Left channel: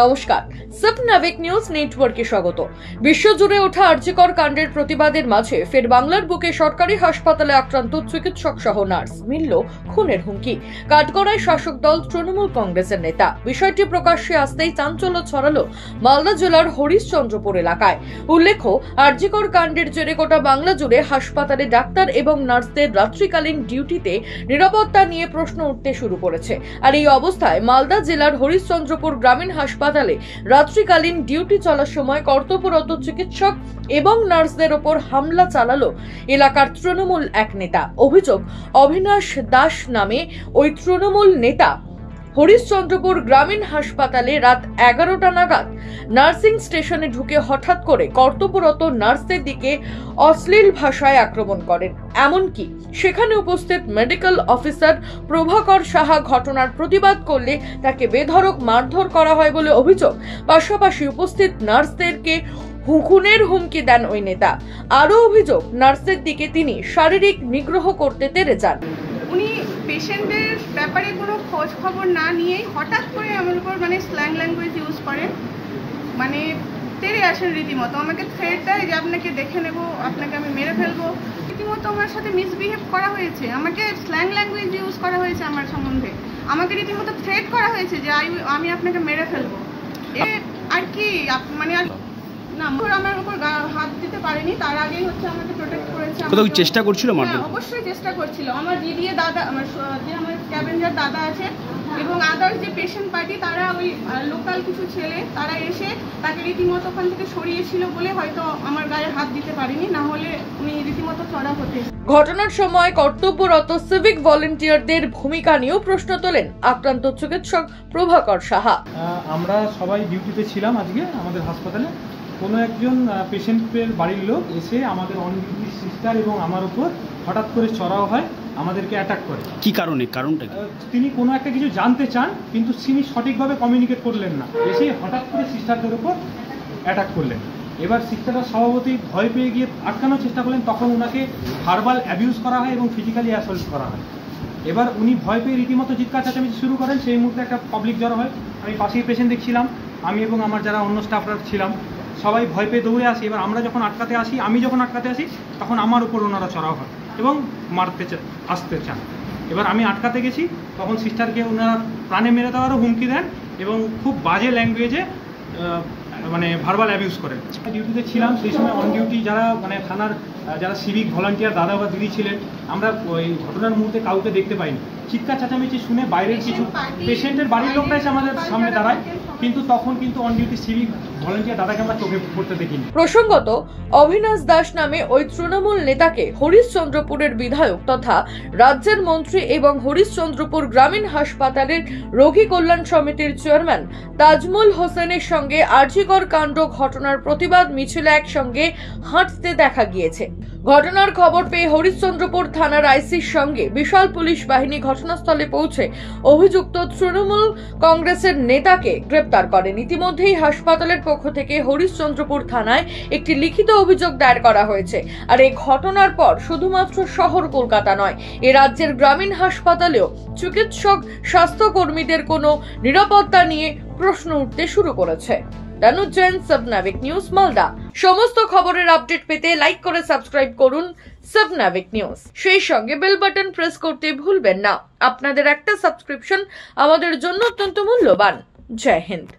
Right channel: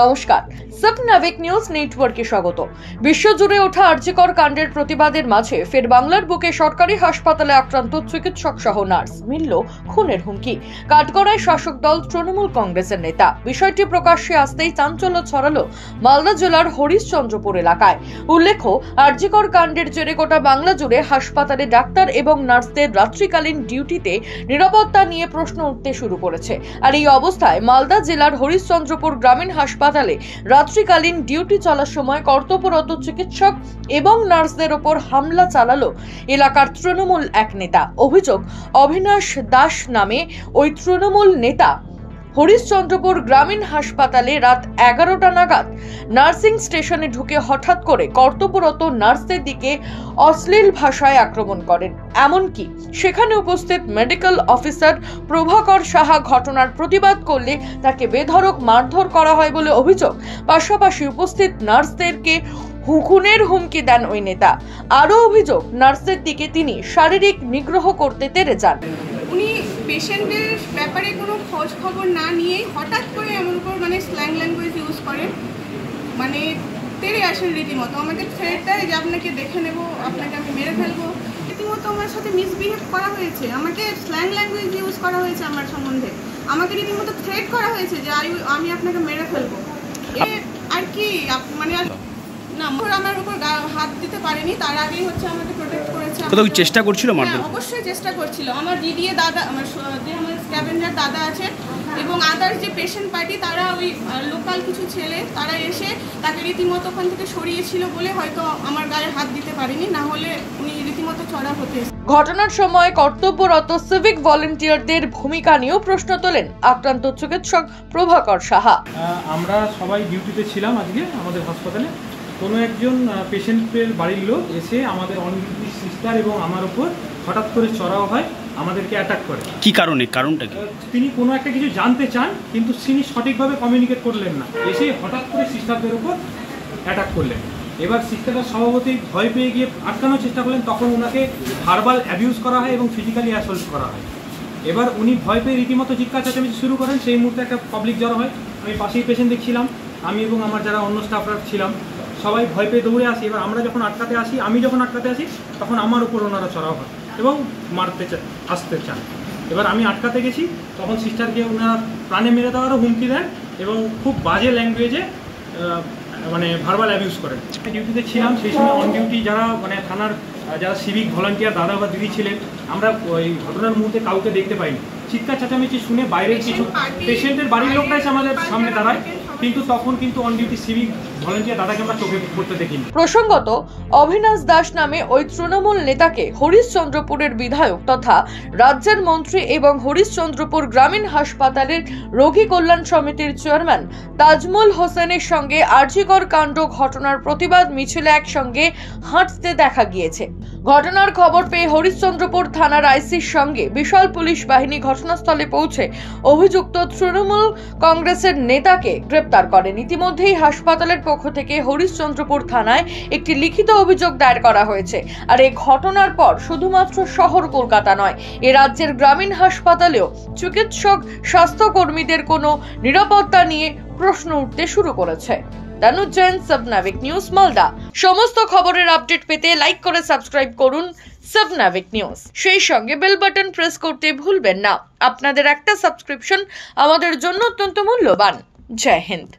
নমস্কার, সাবনাভিক নিউজ নেটওয়ার্কে স্বাগত। বিশ্বজুড়ে ওঠা আরজিকর কাণ্ডের প্রতিবাদের মাঝে ফের বাংলার বুকে সরকারি হাসপাতালে আক্রান্ত চিকিৎসক সহ নার্স মিলল খুনের হুমকি। কাঠগড়ায় শাসক দল তৃণমূল কংগ্রেসের নেতা। বিষয়টি প্রকাশ্যে আসতেই চাঞ্চল্য ছড়ালো মালদা জেলার হরিশ্চন্দ্রপুর এলাকায়। উল্লেখ্য, আরজিকর কাণ্ডের জেরে গোটা বাংলা জুড়ে হাসপাতালে ডাক্তার এবং নার্সদের রাত্রিকালীন ডিউটিতে নিরাপত্তা নিয়ে প্রশ্ন উঠতে শুরু করেছে। আর এই অবস্থায় মালদা জেলার হরিশ্চন্দ্রপুর গ্রামীণ হাসপাতালে রাত্রিকালীন ডিউটি চলার সময় কর্তব্যরত চিকিৎসক এবং নার্সদের ওপর হামলা চালালো এলাকার তৃণমূল এক নেতা। অভিযোগ, অবিনাশ দাস নামে ওই তৃণমূল নেতা হরিশ্চন্দ্রপুর গ্রামীণ হাসপাতালে রাত 11টা নাগাদ নার্সিং স্টেশনে ঢুকে হঠাৎ করে কর্তব্যরত নার্সদের দিকে অশ্লীল ভাষায় আক্রমণ করেন। এমনকি সেখানে উপস্থিত মেডিকেল অফিসার প্রভাকর সাহা ঘটনার প্রতিবাদ করলে তাকে বেধড়ক মারধর করা হয় বলে অভিযোগ। পাশাপাশি উপস্থিত নার্সদেরকে খুনের হুমকি দেন ওই নেতা। আরও অভিযোগ, নার্সদের দিকে তিনি শারীরিক নিগ্রহ করতে তেড়ে যান। উনি পেশেন্টের ব্যাপারে কোনো খোঁজ খবর না নিয়েই হঠাৎ করে আমার উপর স্ল্যাং ল্যাঙ্গুয়েজ ইউজ করেন, তেড়ে আসেন রীতিমতো। আমাকে থ্রেট দেয় যে আপনাকে দেখে নেব, আপনাকে আমি মেরে ফেলবো। রীতিমতো আমার সাথে মিসবিহেভ করা হয়েছে, আমাকে স্ল্যাং ল্যাঙ্গুয়েজ ইউজ করা হয়েছে আমার সম্বন্ধে। আমাকে রীতিমতো থ্রেট করা হয়েছে যে আমি আপনাকে মেরে ফেলবো। আর কি না, আমার উপর হাত দিতে পারেনি, তার আগেই আমাকে প্রোটেক্ট করেছে। চেষ্টা করছিল? অবশ্যই চেষ্টা করছিল। আমার দিদি দাদা, আমার স্ক্যাভেঞ্জার দাদা আছে এবং আদার্স যে পেশেন্ট পার্টি, তারা ওই লোকাল কিছু ছেলে তারা এসে তাকে রীতিমতো ওখান থেকে সরিয়েছিল বলে হয়তো আমার গায়ে হাত দিতে পারেনি, না হলে উনি রীতিমতো চড়া হতে। ঘটনার সময় কর্তব্যরত সিভিক ভলেন্টিয়ারদের ভূমিকা নিয়েও প্রশ্ন তোলেন আক্রান্ত চিকিৎসক প্রভাকর সাহা। আমরা সবাই ডিউটিতে ছিলাম আজকে আমাদের হাসপাতালে। কোনো একজন পেশেন্টের বাড়ির লোক এসে আমাদের অন ডিউটি সিস্টার এবং আমার উপর হঠাৎ করে চড়াও হয়, আমাদেরকে অ্যাটাক করে। কি কারণটা কি? তিনি কোনো একটা কিছু জানতে চান, কিন্তু তিনি সঠিকভাবে কমিউনিকেট করলেন না, এসে হঠাৎ করে সিস্টারদের উপর অ্যাটাক করলেন। এবার সিস্টাররা স্বভাবতই ভয় পেয়ে গিয়ে আটকানোর চেষ্টা করলেন, তখন ওনাকে ভার্বাল অ্যাবিউজ করা হয় এবং ফিজিক্যালি অ্যাসল্ট করা হয়। এবার উনি ভয় পেয়ে রীতিমতো চিৎকার চেঁচামেচি শুরু করেন। সেই মুহূর্তে একটা পাবলিক জড়ো হয়। আমি পাশেই পেশেন্ট দেখছিলাম, আমি এবং আমার যারা অন্য স্টাফরা ছিলাম সবাই ভয় পেয়ে দৌড়ে আসি। এবার আমি যখন আটকাতে আসি তখন আমার উপর ওনারা চড়াও হয় এবং আসতে চান। এবার আমি আটকাতে গেছি, তখন সিস্টারকে ওনারা প্রাণে মেরে দেওয়ারও হুমকি দেন এবং খুব বাজে ল্যাঙ্গুয়েজে ভার্বাল অ্যাবিউজ করেন। ডিউটিতে ছিলাম সেই সময় অন ডিউটি যারা থানার যারা সিভিক ভলান্টিয়ার দাদা বা দিদি ছিলেন, আমরা ওই ঘটনার মুহূর্তে কাউকে দেখতে পাইনি। চিৎকার চেঁচামেচি শুনে বাইরের কিছু পেশেন্টের বাড়ির লোকরা এসে আমাদের সামনে দাঁড়ায়, কিন্তু তখন অন ডিউটি সিভিক ভলান্টিয়ার দাদাকে আমরা চোখে পড়তে দেখিনি। প্রসঙ্গত, অবিনাশ দাস নামে ওই তৃণমূল নেতাকে হরিশ্চন্দ্রপুরের বিধায়ক তথা রাজ্যের মন্ত্রী এবং হরিশ্চন্দ্রপুর গ্রামীণ হাসপাতালের রোগী কল্যাণ সমিতির চেয়ারম্যান তাজমুল হোসেনের সঙ্গে আরজিকর কাণ্ড ঘটনার প্রতিবাদ মিছিলে একসঙ্গে হাঁটতে দেখা গিয়েছে। ঘটনার খবর পেয়ে হরিশ্চন্দ্রপুর থানার আইসির সঙ্গে বিশাল পুলিশ বাহিনী ঘটনাস্থলে পৌঁছে অভিযুক্ত তৃণমূল কংগ্রেসের নেতাকে গ্রেপ্তার করেন। ইতিমধ্যেই হাসপাতালের পক্ষ থেকে হরিশ্চন্দ্রপুর থানায় একটি লিখিত অভিযোগ দায়ের করা হয়েছে। আর এই ঘটনার পর শুধুমাত্র শহর কলকাতা নয়, এ রাজ্যের গ্রামীণ হাসপাতালেও চিকিৎসক স্বাস্থ্যকর্মীদের কোনো নিরাপত্তা নিয়ে প্রশ্ন উঠতে শুরু করেছে। দানুজ জৈন, সাবনাভিক নিউজ, মালদা। সমস্ত খবরের আপডেট পেতে লাইক করে সাবস্ক্রাইব করুন সাবনাভিক নিউজ। সেই সঙ্গে বেল বাটন প্রেস করতে ভুলবেন না। আপনাদের একটা সাবস্ক্রিপশন আমাদের জন্য অত্যন্ত মূল্যবান। জয় হিন্দ।